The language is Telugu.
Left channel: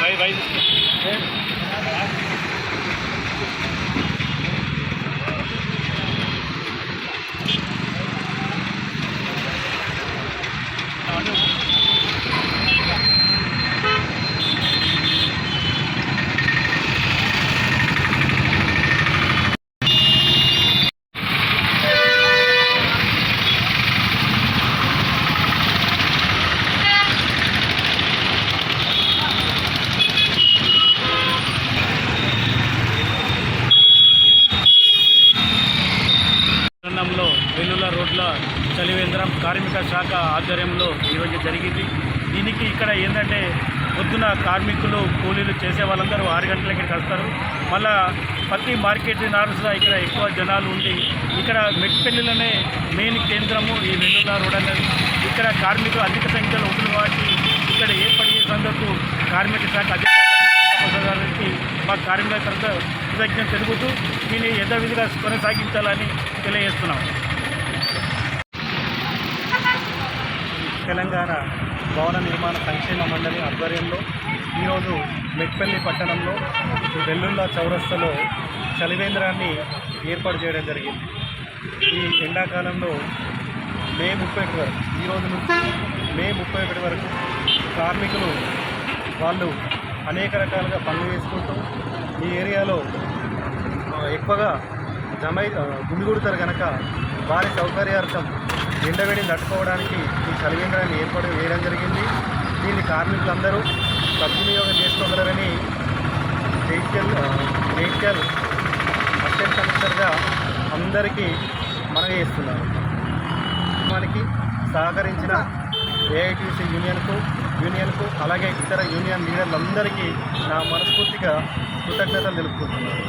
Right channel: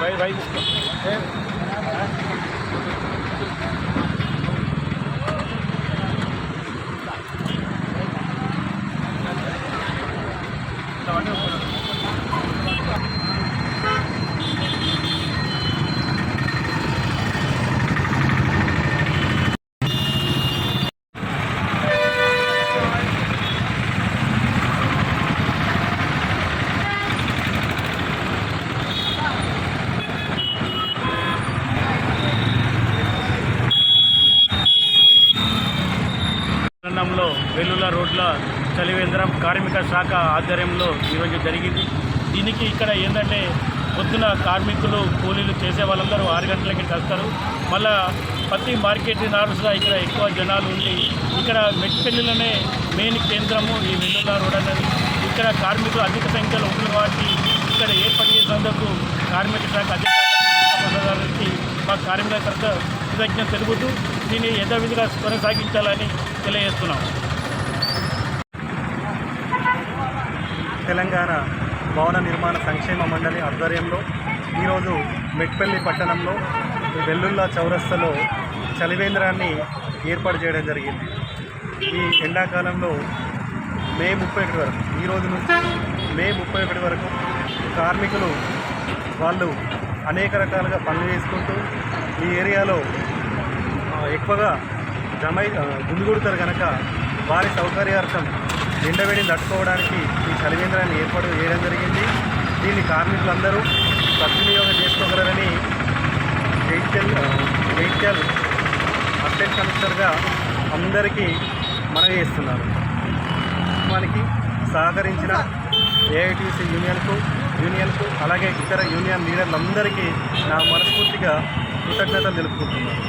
भाई भाई పట్టణంలో వెల్లుల రోడ్ల చలివేంద్రం కార్మిక శాఖ ఆధ్వర్యంలో ఈరోజు జరిగింది. దీనికి ఇక్కడ ఏంటంటే పొద్దున కార్మికులు కూలీలు చేసే వాళ్ళందరూ 6 గంటలకి వస్తారు. మళ్ళా ప్రతి మార్కెట్ నారుగా ఇక్కడ ఎక్కువ జనాలు ఉంది. ఇక్కడ మెట్పెల్లిలోనే మెయిన్ కేంద్రము ఈ వెల్లుల రోడ్ అనేది. ఇక్కడ కార్మికులు అధిక సంఖ్యలో ఉంటుంది కాబట్టి ఇక్కడ ఏర్పాటు చేసేందుకు కార్మిక శాఖ అధికారులకి మా కార్మికుల తరఫున కృతజ్ఞత తెలుపుతూ దీన్ని యథావిధిగా కొనసాగించాలని తెలియజేస్తున్నాం. తెలంగాణ భవన నిర్మాణ సంక్షేమ మండలి ఆధ్వర్యంలో ఈరోజు మెట్పల్లి పట్టణంలో వెల్లుల్లా చౌరస్తాలో చలివేంద్రాన్ని ఏర్పాటు చేయడం జరిగింది. ఈ ఎండాకాలంలో మే 31 వరకు, ఈ రోజు నుంచి మే 31 వరకు కార్మికులు వాళ్ళు అనేక రకాలుగా పనులు చేసుకుంటూ ఈ ఏరియాలో ఎక్కువగా గుమిగూడుతారు కనుక వారి సౌకర్యార్థం ఎండవేడిని తట్టుకోవడానికి ఈ చలివేంద్రాన్ని ఏర్పాటు చేయడం జరిగింది. దీన్ని కార్మికులందరూ సద్వినియోగం చేసుకోగలరని జైత్యాల్ అసిస్టెంట్ కమిషనర్గా అందరికీ మనవి చేస్తున్నారు. మనకి సహకరించిన ఏఐటీసీ యూనియన్కు అలాగే ఇతర యూనియన్ లీడర్లందరికీ నా మనస్ఫూర్తిగా కృతజ్ఞతలు తెలుపుకుంటున్నాను.